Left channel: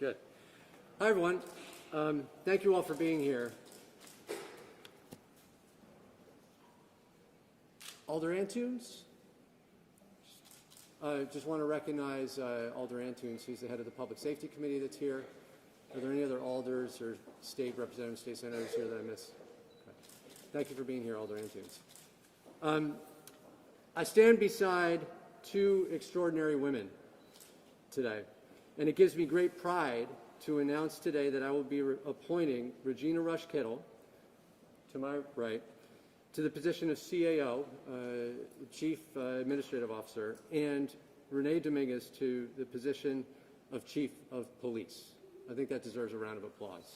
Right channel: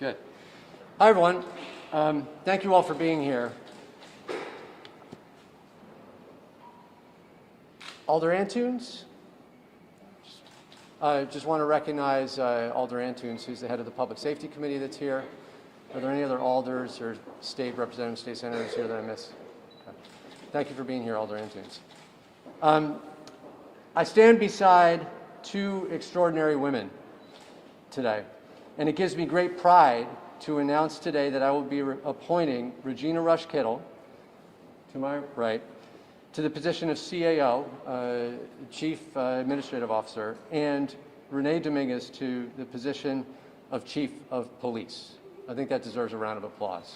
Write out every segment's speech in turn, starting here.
Good. Hi, everyone. Thank you all for being here. Alder Antunes? I just want to recognize Alder Antunes, who's the head of the Public Safety Committee that's here. Are there any other alders or state representatives, state senators here that I missed? Okay. Thank you for being here, Alder Antunes. I stand beside two extraordinary women today, and it gives me great pride to announce today that I will be appointing Regina Rush Kittle, to my right, to the position of CAO, Chief Administrative Officer, and Renee Dominguez to the position of Chief of Police. I think that deserves a round of applause.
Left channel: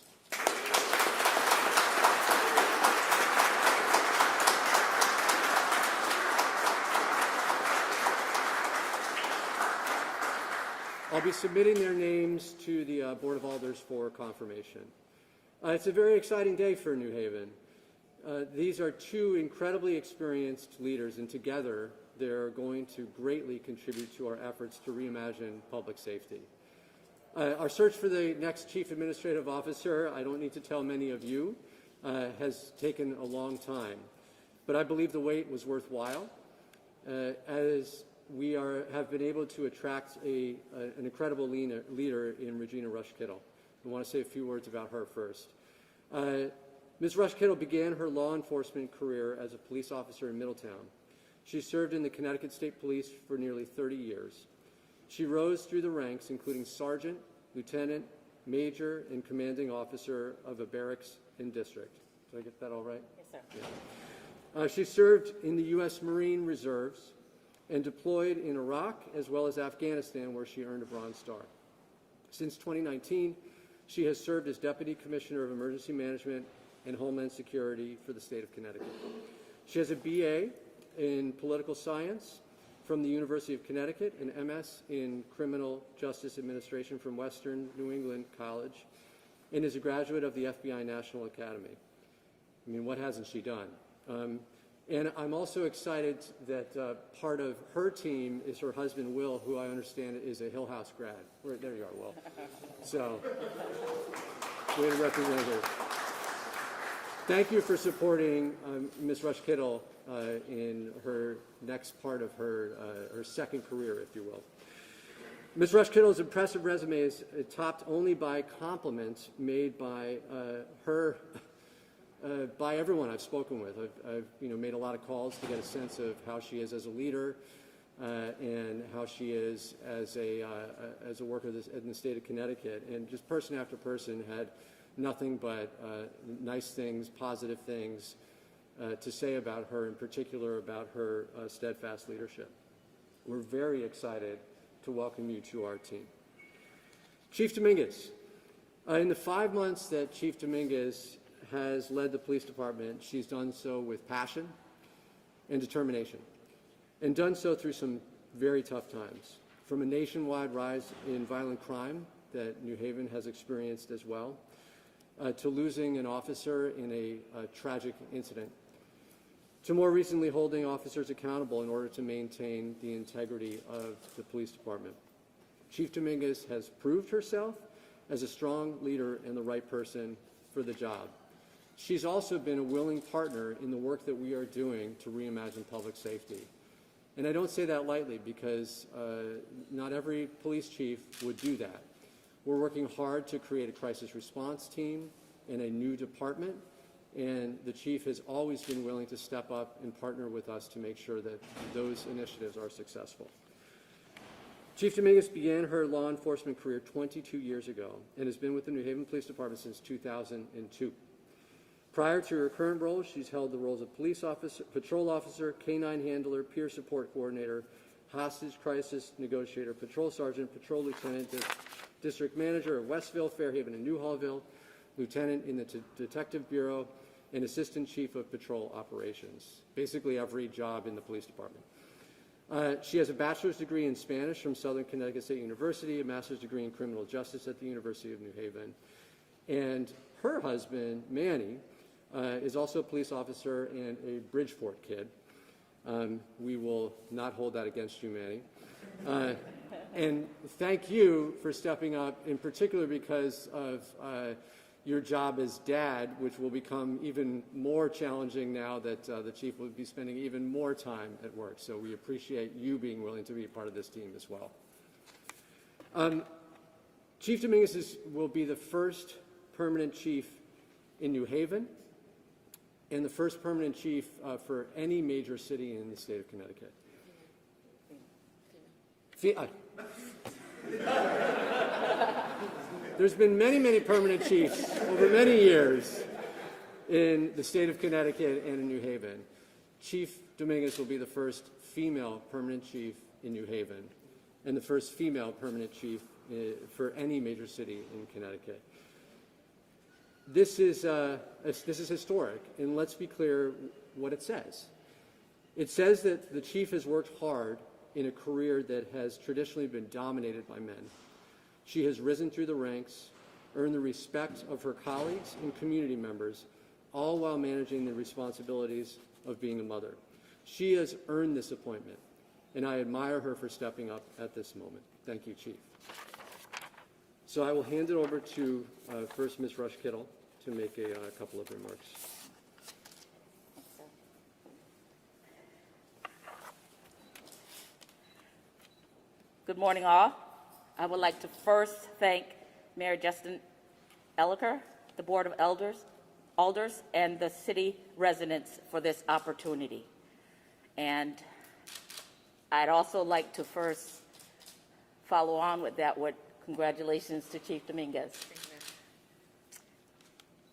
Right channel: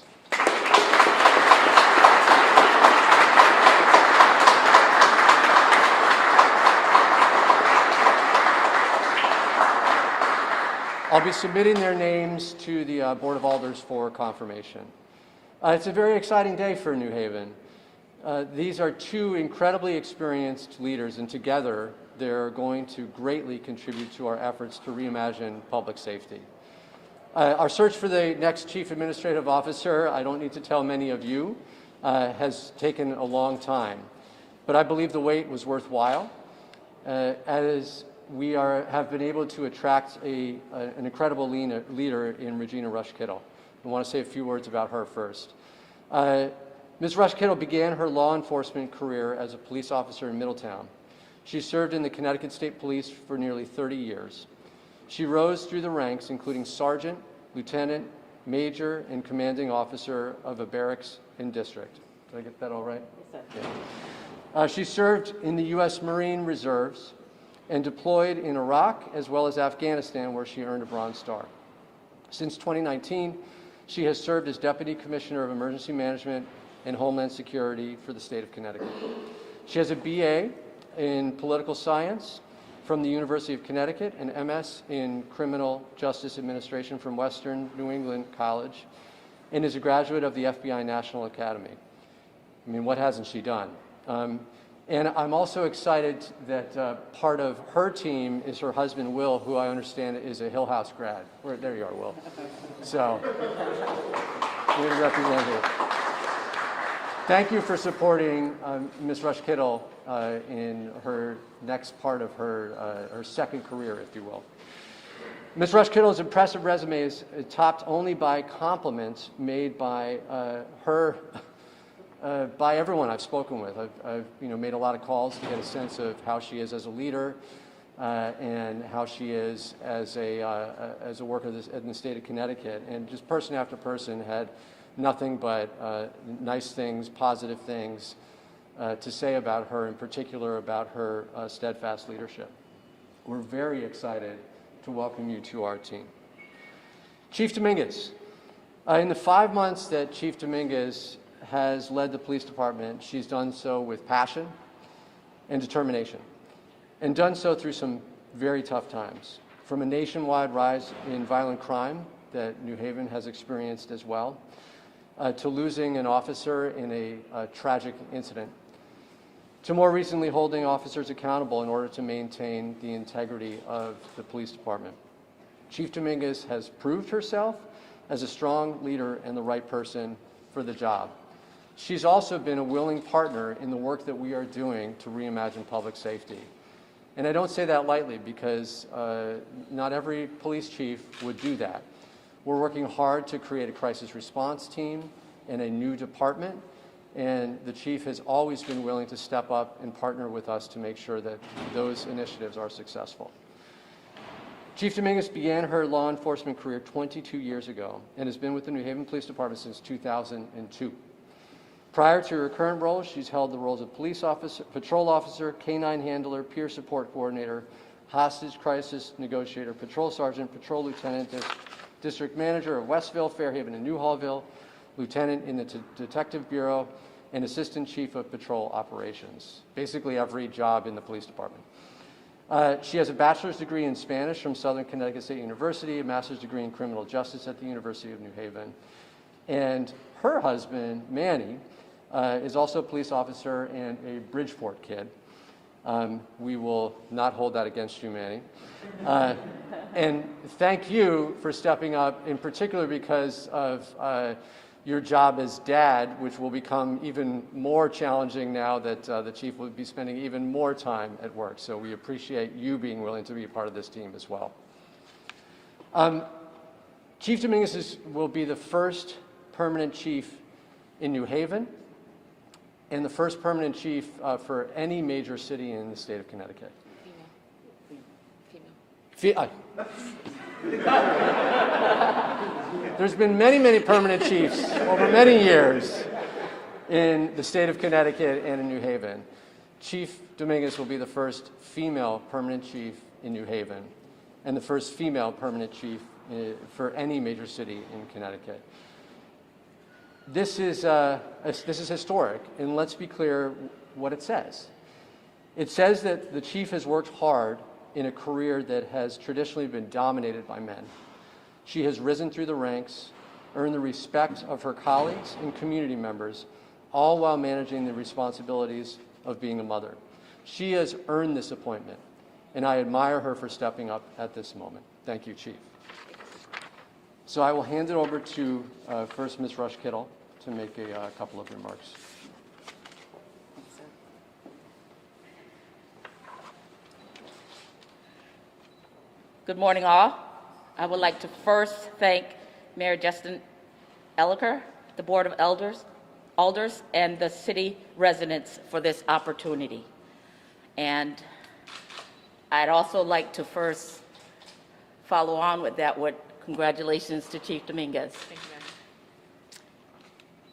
I'll be submitting their names to the Board of Alders for confirmation. It's a very exciting day for New Haven. These are two incredibly experienced leaders, and together they're going to greatly contribute to our efforts to reimagine public safety. Our search for the next Chief Administrative Officer, I don't need to tell many of you, has taken a long time. But I believe the wait was worthwhile, as we have been able to attract an incredible leader in Regina Rush Kittle. I want to say a few words about her first. Ms. Rush Kittle began her law enforcement career as a police officer in Middletown. She served in the Connecticut State Police for nearly 30 years. She rose through the ranks, including sergeant, lieutenant, major, and commanding officer of a barracks and district. Did I get that all right? Yes, sir. Yeah. She served in the U.S. Marine Reserves and deployed in Iraq as well as Afghanistan, where she earned a Bronze Star. Since 2019, she has served as Deputy Commissioner of Emergency Management and Homeland Security for the state of Connecticut. She has a BA in Political Science from the University of Connecticut, an MS in Criminal Justice Administration from Western New England College, and is a graduate of the FBI National Academy. I mean, what hasn't she done? And I'm also excited that part of her team is her husband, Will, who I understand is a Hill House grad. There you are, Will. So, we represent you. Thank you for supporting Ms. Rush Kittle in her next part of her second career, if you will. Ms. Rush Kittle's impressive resume is topped only by compliments made by her, by everyone I've spoken with. I've made a lot of calls to get a sense of how she is as a leader and how she is as a worker in the state of Connecticut. And just person after person had nothing but nice things, positive things to say about her, in particular about her steadfast leadership. We're very excited to welcome you to our team. Chief Dominguez. In the 5 months that Chief Dominguez has led the police department, she's done so with passion and determination, and done so through some very tough times. From a nationwide rise in violent crime that New Haven has experienced as well, to losing an officer in a tragic incident, to more recently holding officers accountable in order to maintain the integrity of the police department. Chief Dominguez has proved herself as a strong leader and the right person for the job. She's also been a willing partner in the work that we are doing to reimagine public safety. And I don't say that lightly because not every police chief would do that. We're working hard to create a crisis response team and a new department, and the chief has always been willing to step up and partner with us to make sure that those initiatives are successful. Chief Dominguez began her law enforcement career 22 years ago and has been with the New Haven Police Department since 2002. Prior to her current role, she's held the roles of police officer, patrol officer, canine handler, peer support coordinator, hostage crisis negotiator, patrol sergeant, patrol lieutenant, district manager of Westville, Fairhaven, and New Hallville, lieutenant in the Detective Bureau, and assistant chief of patrol operations. Basically every job in the police department. She has a bachelor's degree in Spanish from Southern Connecticut State University, a master's degree in criminal justice at the University of New Haven. And her husband, Manny, is also a police officer and a Bridgeport kid. We will not hold that against you, Manny. And thank you for stepping up, in particular because of your job as dad, which will become even more challenging now that the chief will be spending even more time at work. So we appreciate you being willing to be a part of this team as well. Chief Dominguez will be the first permanent chief in New Haven and the first permanent chief for any major city in the state of Connecticut. There's been many, many permanent chiefs over many years in the state of Connecticut and in New Haven. Chief Dominguez will be the first female permanent chief in New Haven and the first female permanent chief for any major city in Connecticut. This is historic, and let's be clear what it says. It says that the chief has worked hard in a career that has traditionally been dominated by men. She has risen through the ranks, earned the respect of her colleagues and community members, all while managing the responsibilities of being a mother. She has earned this appointment, and I admire her for stepping up at this moment. Thank you, Chief. So I will hand it over to first Ms. Rush Kittle to make a couple of remarks. Good morning, all. I would like to first thank Mayor Justin Elicker, the Board of Alders, and the city residents for this opportunity. And I'd also like to first follow on with that with congratulations to Chief Dominguez.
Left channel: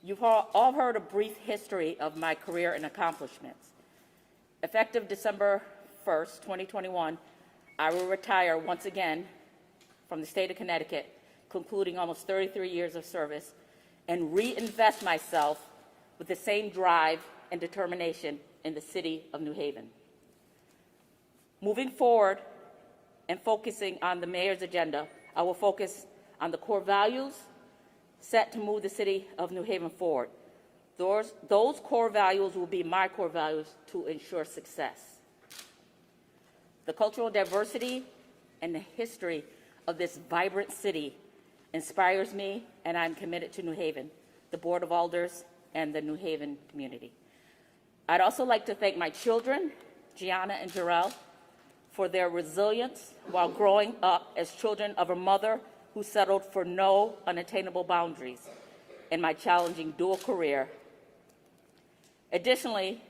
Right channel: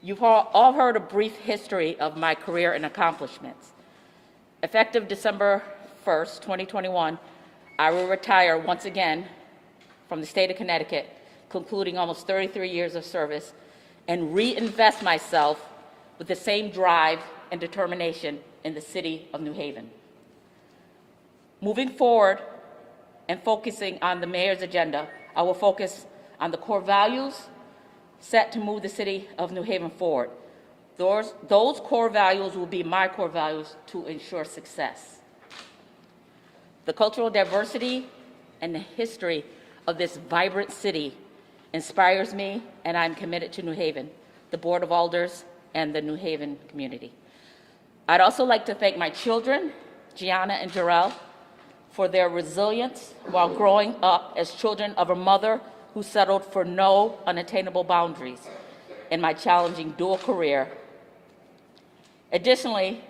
You've all heard a brief history of my career and accomplishments. Effective December 1st, 2021, I will retire once again from the state of Connecticut, concluding almost 33 years of service, and reinvest myself with the same drive and determination in the city of New Haven. Moving forward and focusing on the mayor's agenda, I will focus on the core values set to move the city of New Haven forward. Those core values will be my core values to ensure success. The cultural diversity and the history of this vibrant city inspires me, and I'm committed to New Haven, the Board of Alders, and the New Haven community. I'd also like to thank my children, Gianna and Jarrell, for their resilience while growing up as children of a mother who settled for no unattainable boundaries in my challenging dual career. Additionally,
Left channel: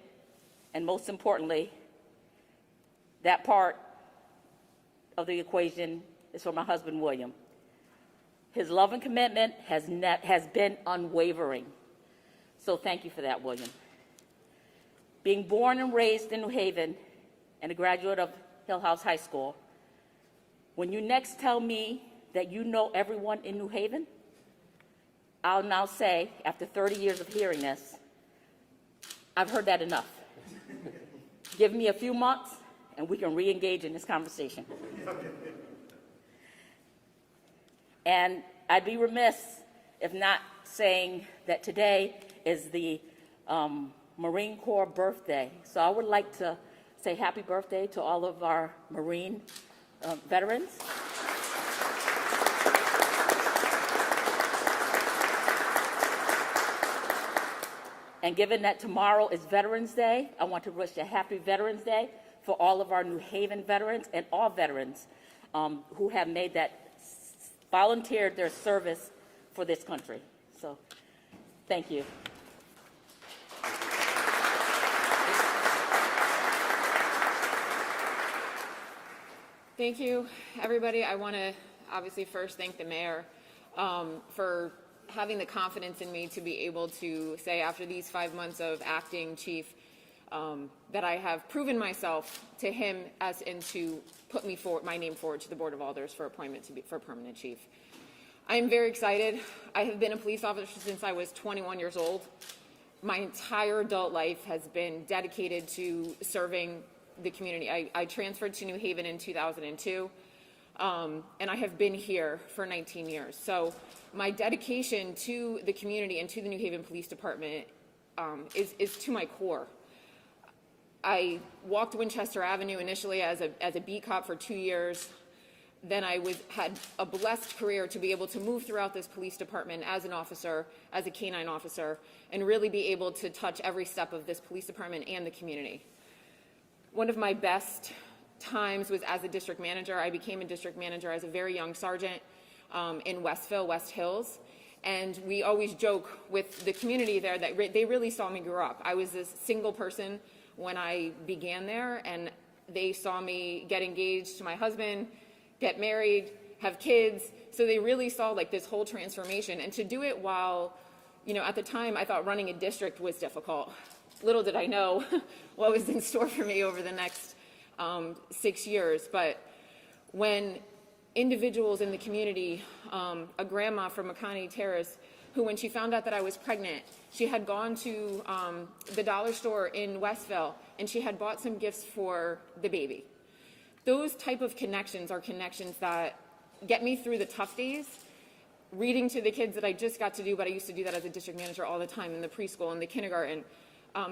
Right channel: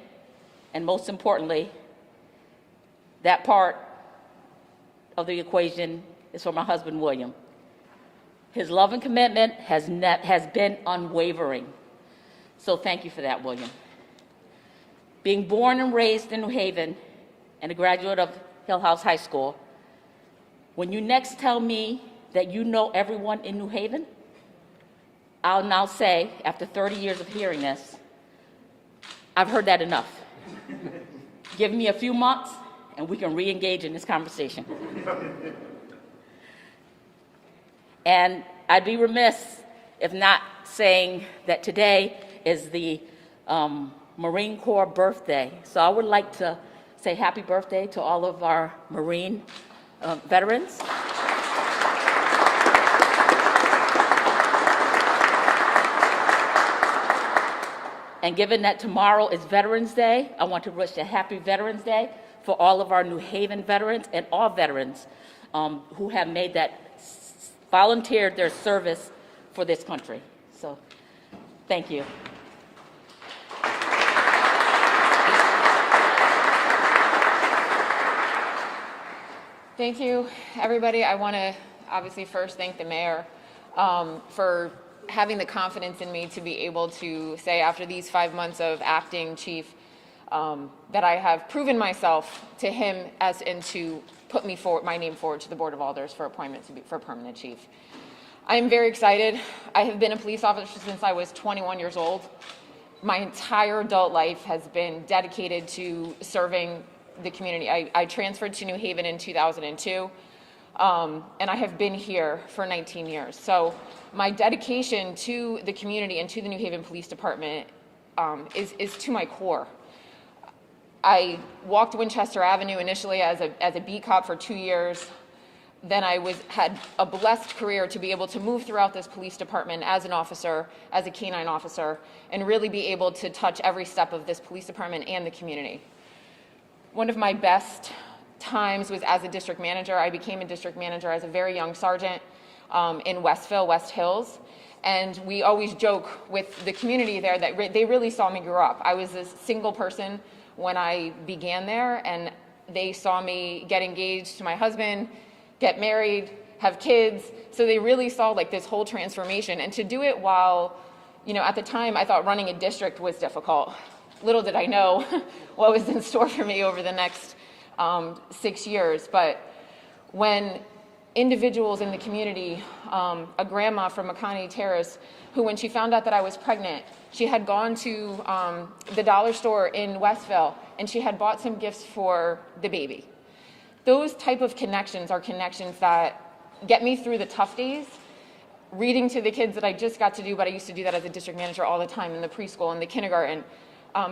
and most importantly, that part of the equation is for my husband, William. His love and commitment has been unwavering. So thank you for that, William. Being born and raised in New Haven and a graduate of Hill House High School, when you next tell me that you know everyone in New Haven, I'll now say, after 30 years of hearing this, I've heard that enough. Give me a few months and we can re-engage in this conversation. And I'd be remiss if not saying that today is the Marine Corps birthday. So I would like to say happy birthday to all of our Marine veterans. And given that tomorrow is Veterans Day, I want to wish a happy Veterans Day for all of our New Haven veterans and all veterans who have made that, volunteered their service for this country. So, thank you. Thank you, everybody. I want to obviously first thank the mayor for having the confidence in me to be able to say after these 5 months of acting chief that I have proven myself to him as and to put me forward, my name forward to the Board of Alders for appointment to be for permanent chief. I am very excited. I have been a police officer since I was 21 years old. My entire adult life has been dedicated to serving the community. I transferred to New Haven in 2002, and I have been here for 19 years. So my dedication to the community and to the New Haven Police Department is to my core. I walked Winchester Avenue initially as a beat cop for 2 years. Then I had a blessed career to be able to move throughout this police department as an officer, as a canine officer, and really be able to touch every step of this police department and the community. One of my best times was as a district manager. I became a district manager as a very young sergeant in Westville, West Hills. And we always joke with the community there that they really saw me grow up. I was a single person when I began there, and they saw me get engaged to my husband, get married, have kids. So they really saw like this whole transformation. And to do it while, you know, at the time I thought running a district was difficult. Little did I know what was in store for me over the next 6 years. But when individuals in the community, a grandma from McConney Terrace, who when she found out that I was pregnant, she had gone to the dollar store in Westville and she had bought some gifts for the baby. Those type of connections are connections that get me through the tough days. Reading to the kids that I just got to do, but I used to do that as a district manager all the time in the preschool and the kindergarten.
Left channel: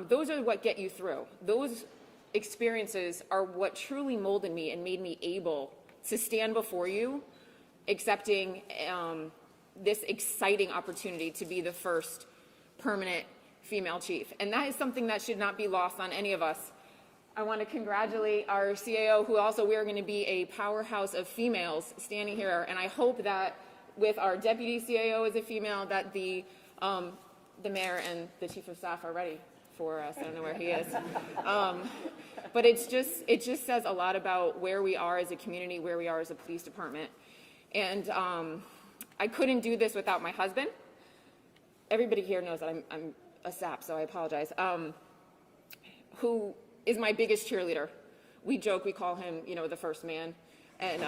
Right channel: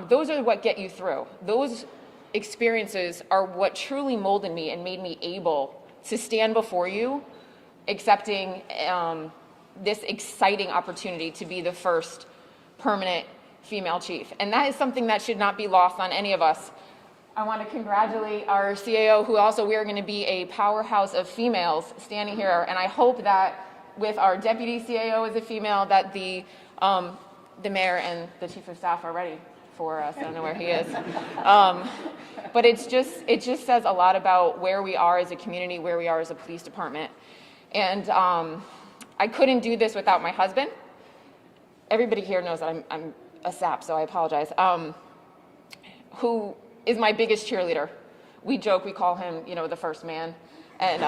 Those are what get you through. Those experiences are what truly molded me and made me able to stand before you, accepting this exciting opportunity to be the first permanent female chief. And that is something that should not be lost on any of us. I want to congratulate our CAO, who also we are going to be a powerhouse of females standing here. And I hope that with our deputy CAO as a female, that the mayor and the chief of staff are ready for us. I don't know where he is. But it just says a lot about where we are as a community, where we are as a police department. And I couldn't do this without my husband. Everybody here knows that I'm a sap, so I apologize. Who is my biggest cheerleader. We joke, we call him, you know, the first man. And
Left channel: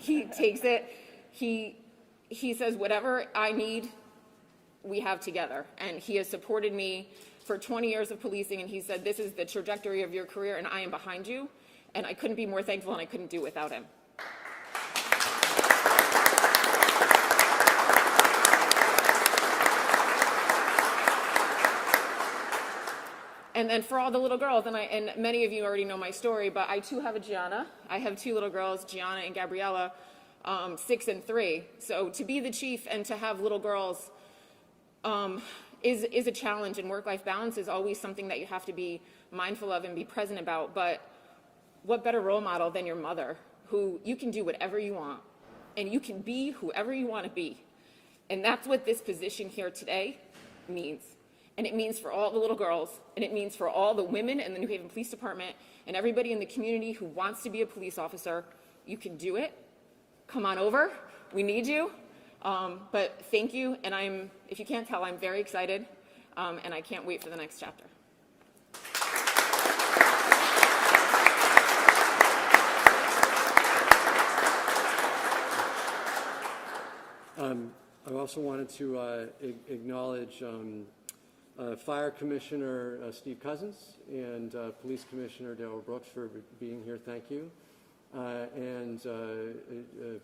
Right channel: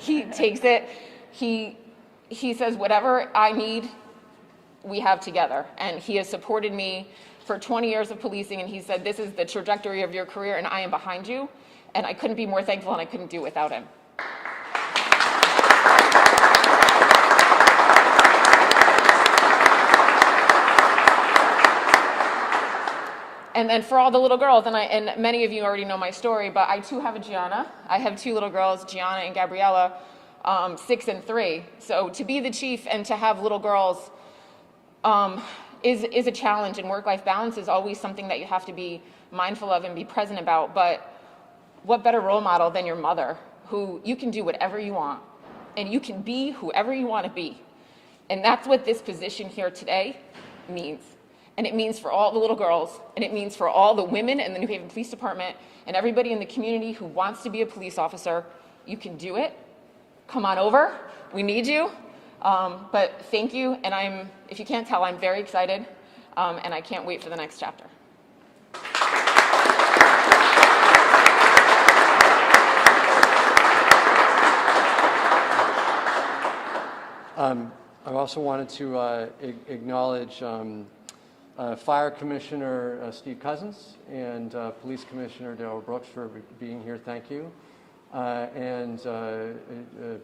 he takes it. He says, whatever I need, we have together. And he has supported me for 20 years of policing, and he said, this is the trajectory of your career, and I am behind you. And I couldn't be more thankful, and I couldn't do it without him. And then for all the little girls, and many of you already know my story, but I too have a Gianna. I have two little girls, Gianna and Gabriella, 6 and 3. So to be the chief and to have little girls is a challenge, and work-life balance is always something that you have to be mindful of and be present about. But what better role model than your mother, who you can do whatever you want, and you can be whoever you want to be. And that's what this position here today means. And it means for all the little girls, and it means for all the women in the New Haven Police Department and everybody in the community who wants to be a police officer. You can do it. Come on over. We need you. But thank you, and if you can't tell, I'm very excited, and I can't wait for the next chapter. I also wanted to acknowledge Fire Commissioner Steve Cousins and Police Commissioner Darrell Brooks for being here. Thank you. and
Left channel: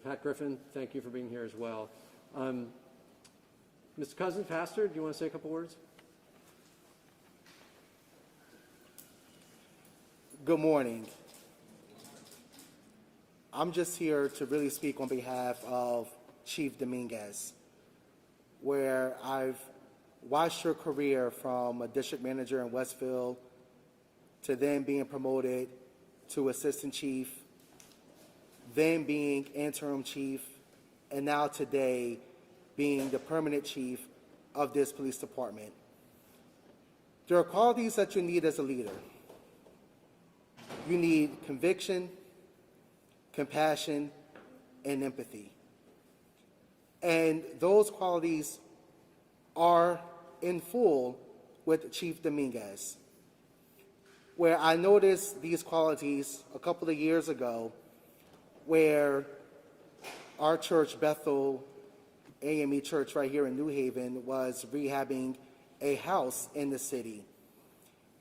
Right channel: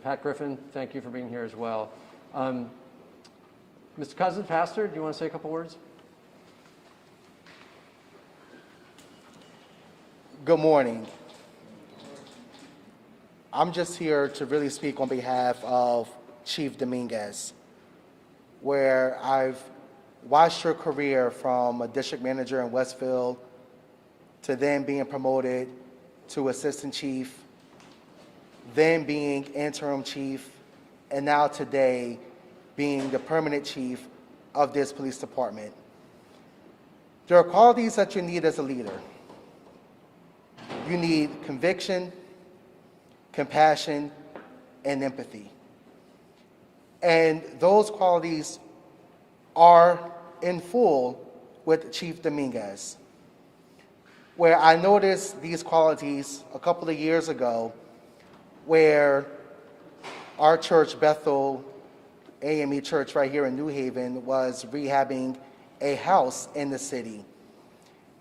Pat Griffin, thank you for being here as well. Mr. Cousin, Pastor, do you want to say a couple words? Good morning. I'm just here to really speak on behalf of Chief Dominguez, where I've watched her career from a district manager in Westfield to then being promoted to assistant chief, then being interim chief, and now today being the permanent chief of this police department. There are qualities that you need as a leader. You need conviction, compassion, and empathy. And those qualities are in full with Chief Dominguez, where I noticed these qualities a couple of years ago, where our church, Bethel AME Church right here in New Haven, was rehabbing a house in the city.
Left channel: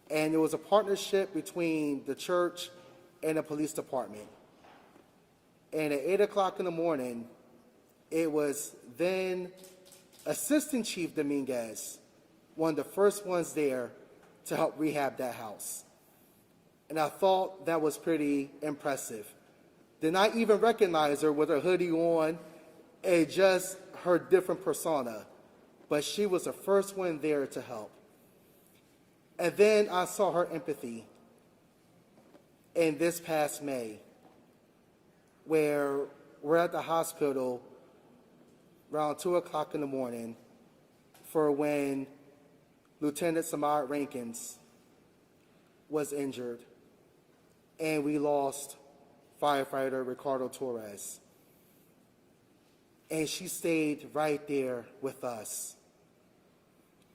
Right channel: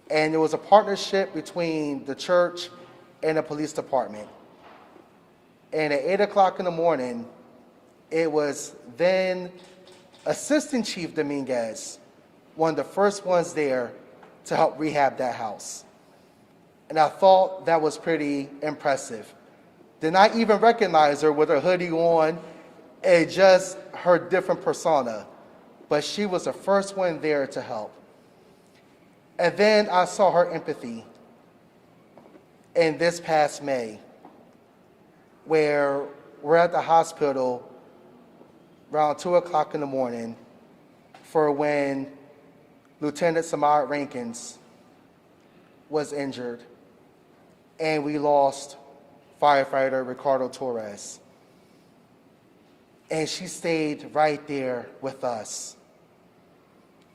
And there was a partnership between the church and the police department. And at 8 o'clock in the morning, it was then Assistant Chief Dominguez, one of the first ones there to help rehab that house. And I thought that was pretty impressive. Did not even recognize her with her hoodie on and just her different persona, but she was the first one there to help. And then I saw her empathy in this past May, where we're at the hospital around 2 o'clock in the morning for when Lieutenant Samad Rankins was injured, and we lost firefighter Ricardo Torres. And she stayed right there with us.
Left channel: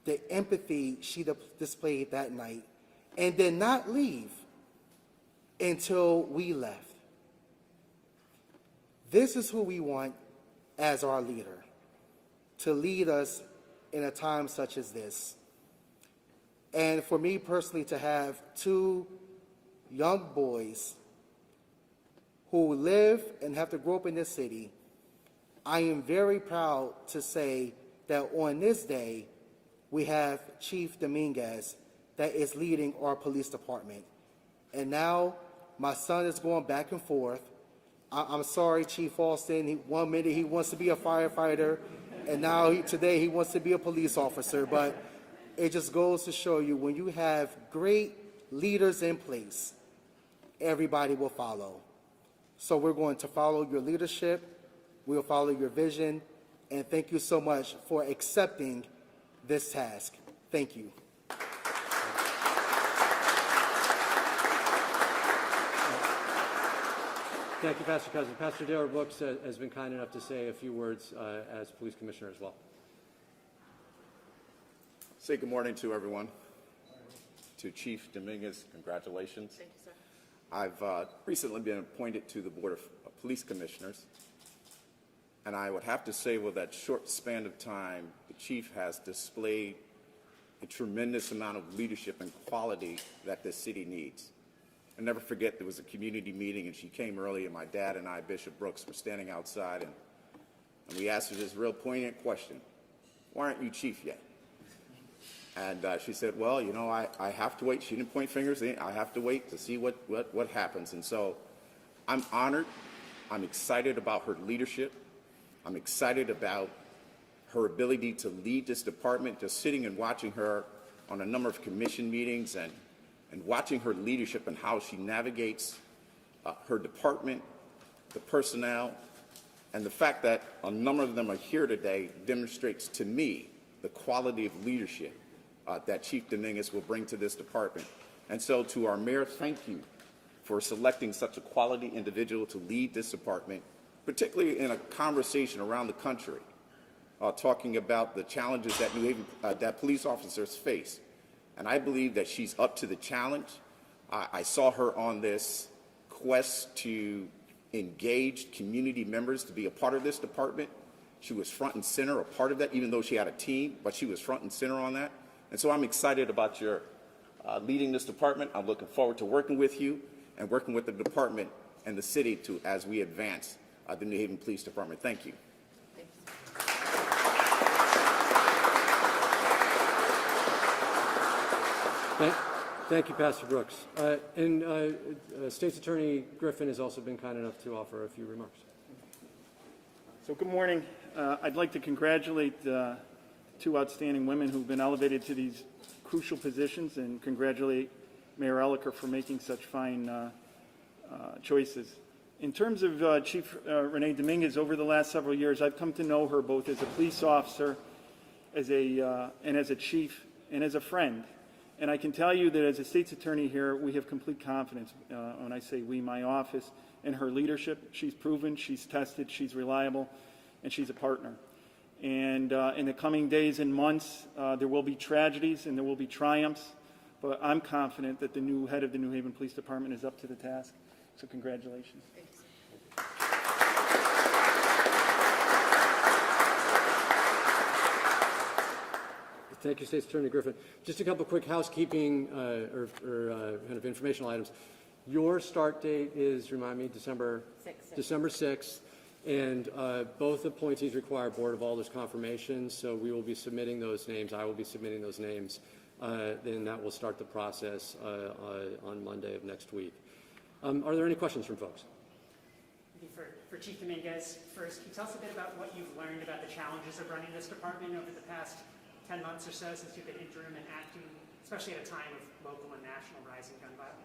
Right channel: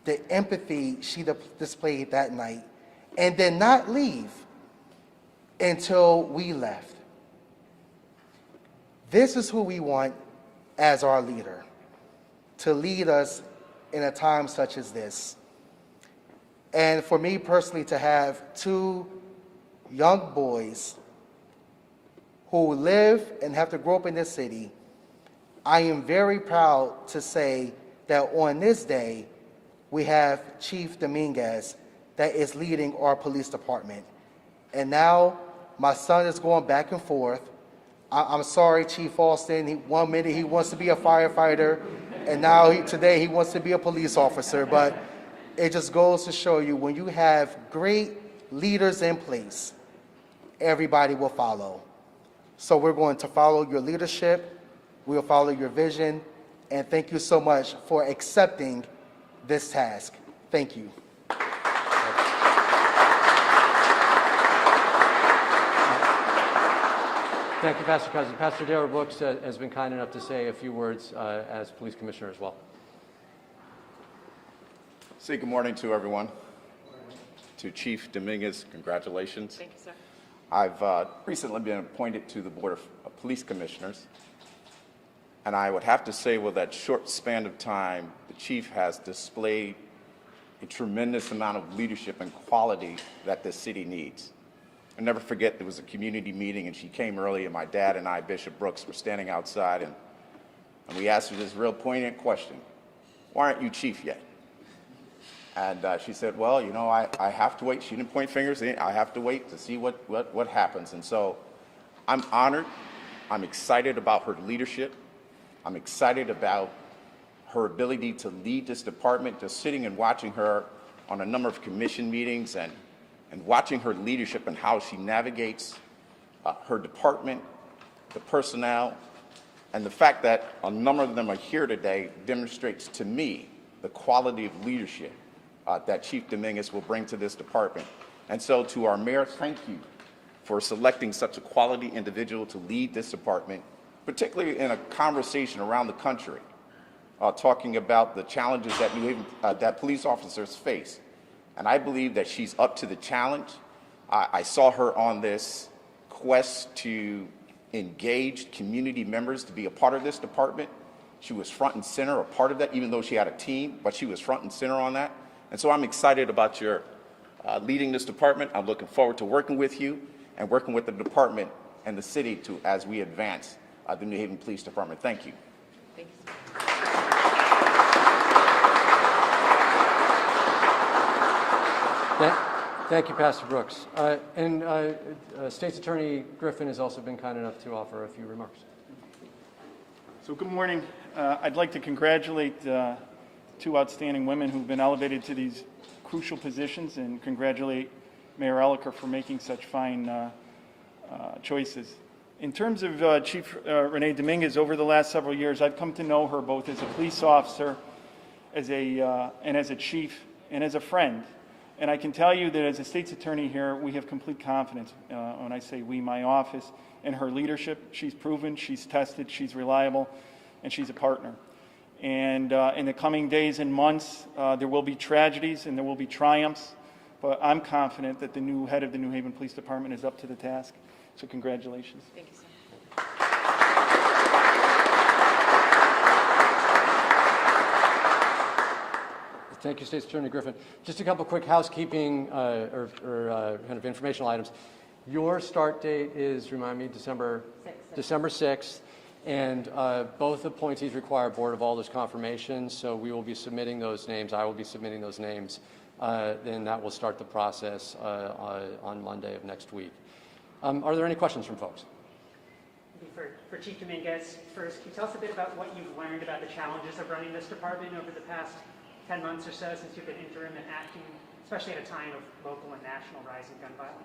The empathy she displayed that night, and did not leave until we left. This is who we want as our leader, to lead us in a time such as this. And for me personally, to have two young boys who live and have to grow up in this city, I am very proud to say that on this day, we have Chief Dominguez that is leading our police department. And now my son is going back and forth. I'm sorry, Chief Alston, one minute he wants to be a firefighter, and now today he wants to be a police officer. But it just goes to show you, when you have great leaders in place, everybody will follow. So we're going to follow your leadership, we'll follow your vision, and thank you so much for accepting this task. Thank you. Thank you, Pastor Cousin. Pastor Darrell Brooks has been kind enough to say a few words as police commissioner as well. Say good morning to everyone. To Chief Dominguez, congratulations. Thank you, sir. I've recently been appointed to the Board of Police Commissioners, and I would have to say, with that short span of time, the Chief has displayed a tremendous amount of leadership and quality that this city needs. I'll never forget, there was a community meeting, and she came early, and my dad and I, Bishop Brooks, were standing outside, and we asked her this real poignant question: why aren't you chief yet? And she said, well, you know, I have to wait. She didn't point fingers. I have to wait to see what happens. And so I'm honored. I'm excited about her leadership. I'm excited about her ability to lead this department. Just sitting and watching her on a number of commission meetings and watching her leadership and how she navigates her department, the personnel, and the fact that a number of them are here today demonstrates to me the quality of leadership that Chief Dominguez will bring to this department. And so to our mayor, thank you for selecting such a quality individual to lead this department, particularly in a conversation around the country, talking about the challenges that that police officers face. And I believe that she's up to the challenge. I saw her on this quest to engage community members to be a part of this department. She was front and center, a part of that, even though she had a team, but she was front and center on that. And so I'm excited about your leading this department. I'm looking forward to working with you and working with the department and the city to as we advance the New Haven Police Department. Thank you. Thank you, Pastor Brooks. State's Attorney Griffin has also been kind enough to offer a few remarks. So good morning. I'd like to congratulate two outstanding women who've been elevated to these crucial positions and congratulate Mayor Elicker for making such fine choices. In terms of Chief Renee Dominguez, over the last several years, I've come to know her both as a police officer, and as a chief, and as a friend. And I can tell you that as a state's attorney here, we have complete confidence, when I say we, my office, in her leadership. She's proven, she's tested, she's reliable, and she's a partner. And in the coming days and months, there will be tragedies and there will be triumphs, but I'm confident that the new head of the New Haven Police Department is up to the task. So congratulations. Thank you so much. Thank you, State's Attorney Griffin. Just a couple quick housekeeping or kind of informational items. Your start date is, remind me, December 6th, and both appointees require Board of Alders confirmations, so we will be submitting those names. I will be submitting those names. Then that will start the process on Monday of next week. Are there any questions from folks? For Chief Dominguez, first, can you tell us a bit about what you've learned about the challenges of running this department over the past 10 months or so since you've been interim and acting, especially at a time of local and national rising gun violence?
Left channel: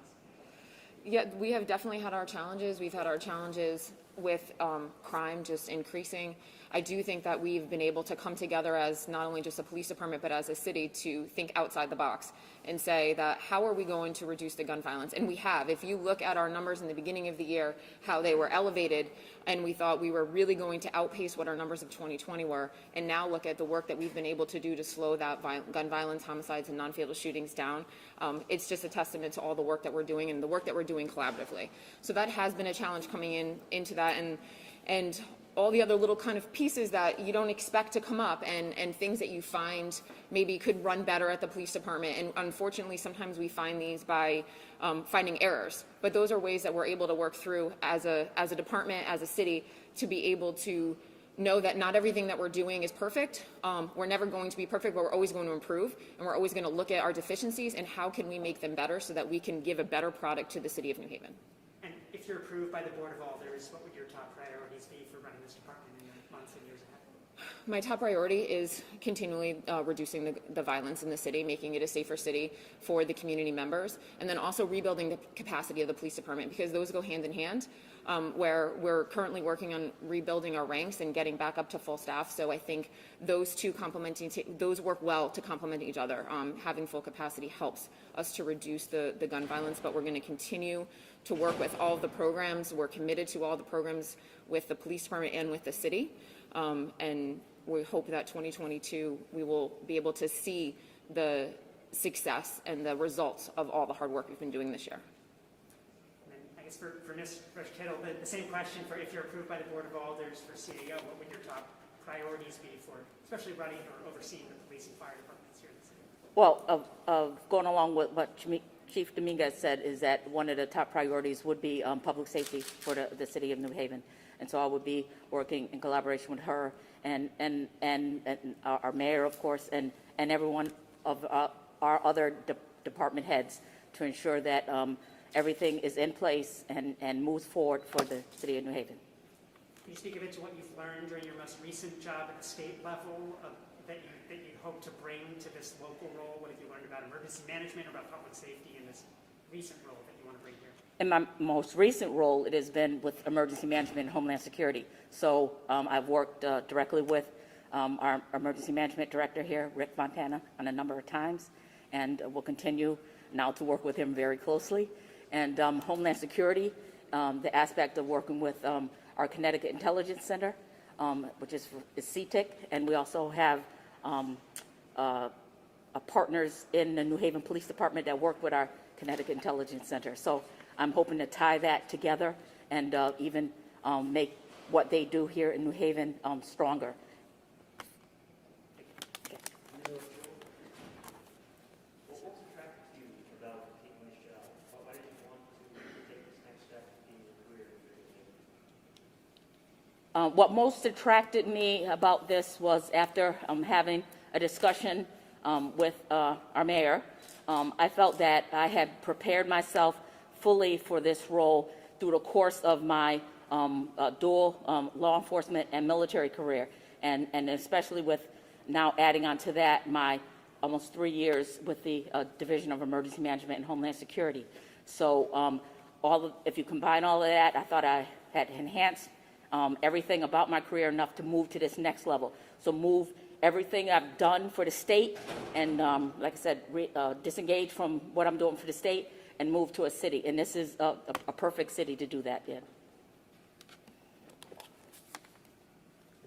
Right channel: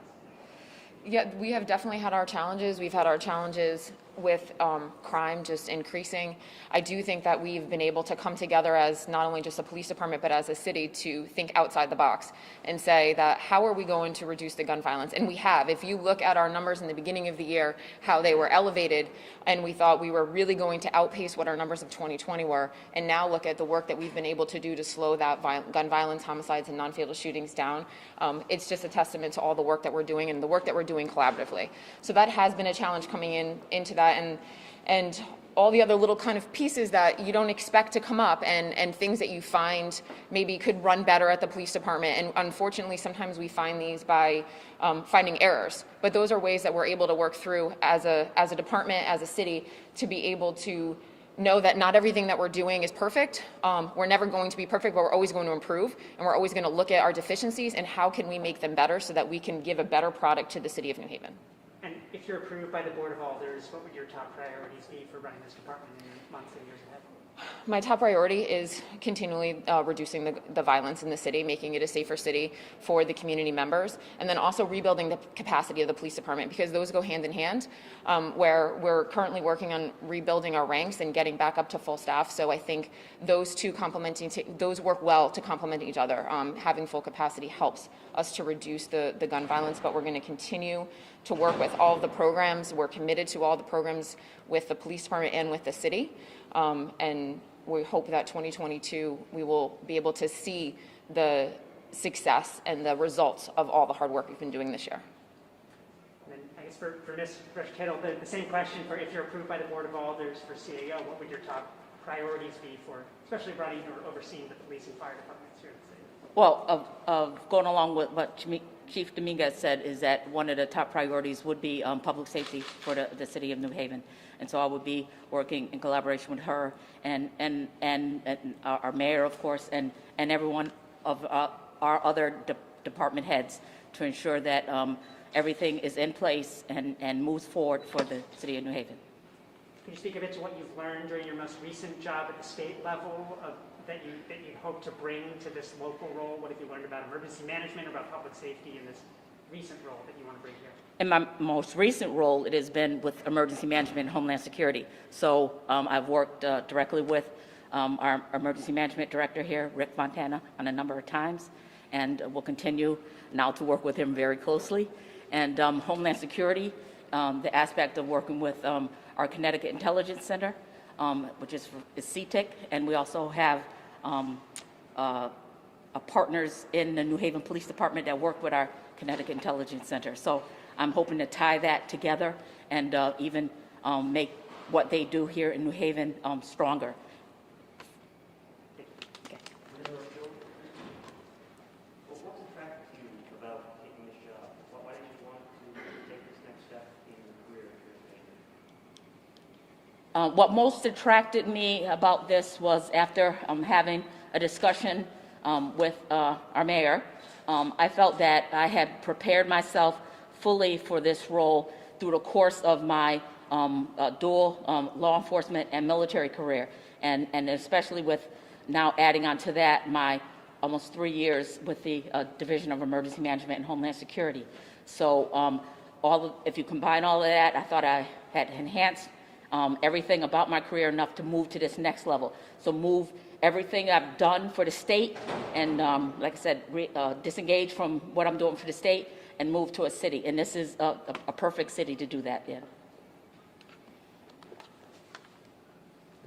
Yeah, we have definitely had our challenges. We've had our challenges with crime just increasing. I do think that we've been able to come together as not only just a police department, but as a city to think outside the box and say that how are we going to reduce the gun violence? And we have. If you look at our numbers in the beginning of the year, how they were elevated, and we thought we were really going to outpace what our numbers of 2020 were, and now look at the work that we've been able to do to slow that gun violence, homicides, and non-fatal shootings down. It's just a testament to all the work that we're doing and the work that we're doing collaboratively. So that has been a challenge coming into that, and all the other little kind of pieces that you don't expect to come up, and things that you find maybe could run better at the police department. And unfortunately, sometimes we find these by finding errors. But those are ways that we're able to work through as a department, as a city, to be able to know that not everything that we're doing is perfect. We're never going to be perfect, but we're always going to improve, and we're always going to look at our deficiencies and how can we make them better so that we can give a better product to the city of New Haven. And if you're approved by the Board of Alders, what would your top priorities be for running this department in months and years ahead? My top priority is continually reducing the violence in the city, making it a safer city for the community members, and then also rebuilding the capacity of the police department, because those go hand in hand, where we're currently working on rebuilding our ranks and getting back up to full staff. So I think those two those work well to complement each other. Having full capacity helps us to reduce the gun violence, but we're going to continue to work with all of the programs. We're committed to all the programs with the police department and with the city. And we hope that 2022 we will be able to see the success and the results of all the hard work we've been doing this year. And then I guess for Ms. Kittle, the same question for if you're approved by the Board of Alders for CAO, what would your top priorities be for, especially running or overseeing the police and fire departments here in the city? Well, going along with what Chief Dominguez said, is that one of the top priorities would be public safety for the city of New Haven. And so I would be working in collaboration with her and our mayor, of course, and everyone of our other department heads to ensure that everything is in place and moves forward for the city of New Haven. Can you speak a bit to what you've learned during your most recent job at the state level that you hope to bring to this local role? What have you learned about emergency management or about public safety in this recent role that you want to bring here? In my most recent role, it has been with emergency management and homeland security. So I've worked directly with our emergency management director here, Rick Fontana, on a number of times, and will continue now to work with him very closely. And homeland security, the aspect of working with our Connecticut Intelligence Center, which is CTIC, and we also have partners in the New Haven Police Department that work with our Connecticut Intelligence Center. So I'm hoping to tie that together and even make what they do here in New Haven stronger. What's attracted you about taking this job? Why did you want to take this next step in your career? What most attracted me about this was after having a discussion with our mayor, I felt that I had prepared myself fully for this role through the course of my dual law enforcement and military career, and especially with now adding on to that my almost 3 years with the Division of Emergency Management and Homeland Security. So if you combine all of that, I thought I had enhanced everything about my career enough to move to this next level. So move everything I've done for the state and, like I said, disengage from what I'm doing for the state and move to a city. And this is a perfect city to do that in.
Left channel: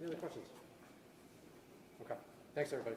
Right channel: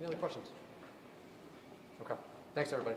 Any other questions? Okay. Thanks, everybody.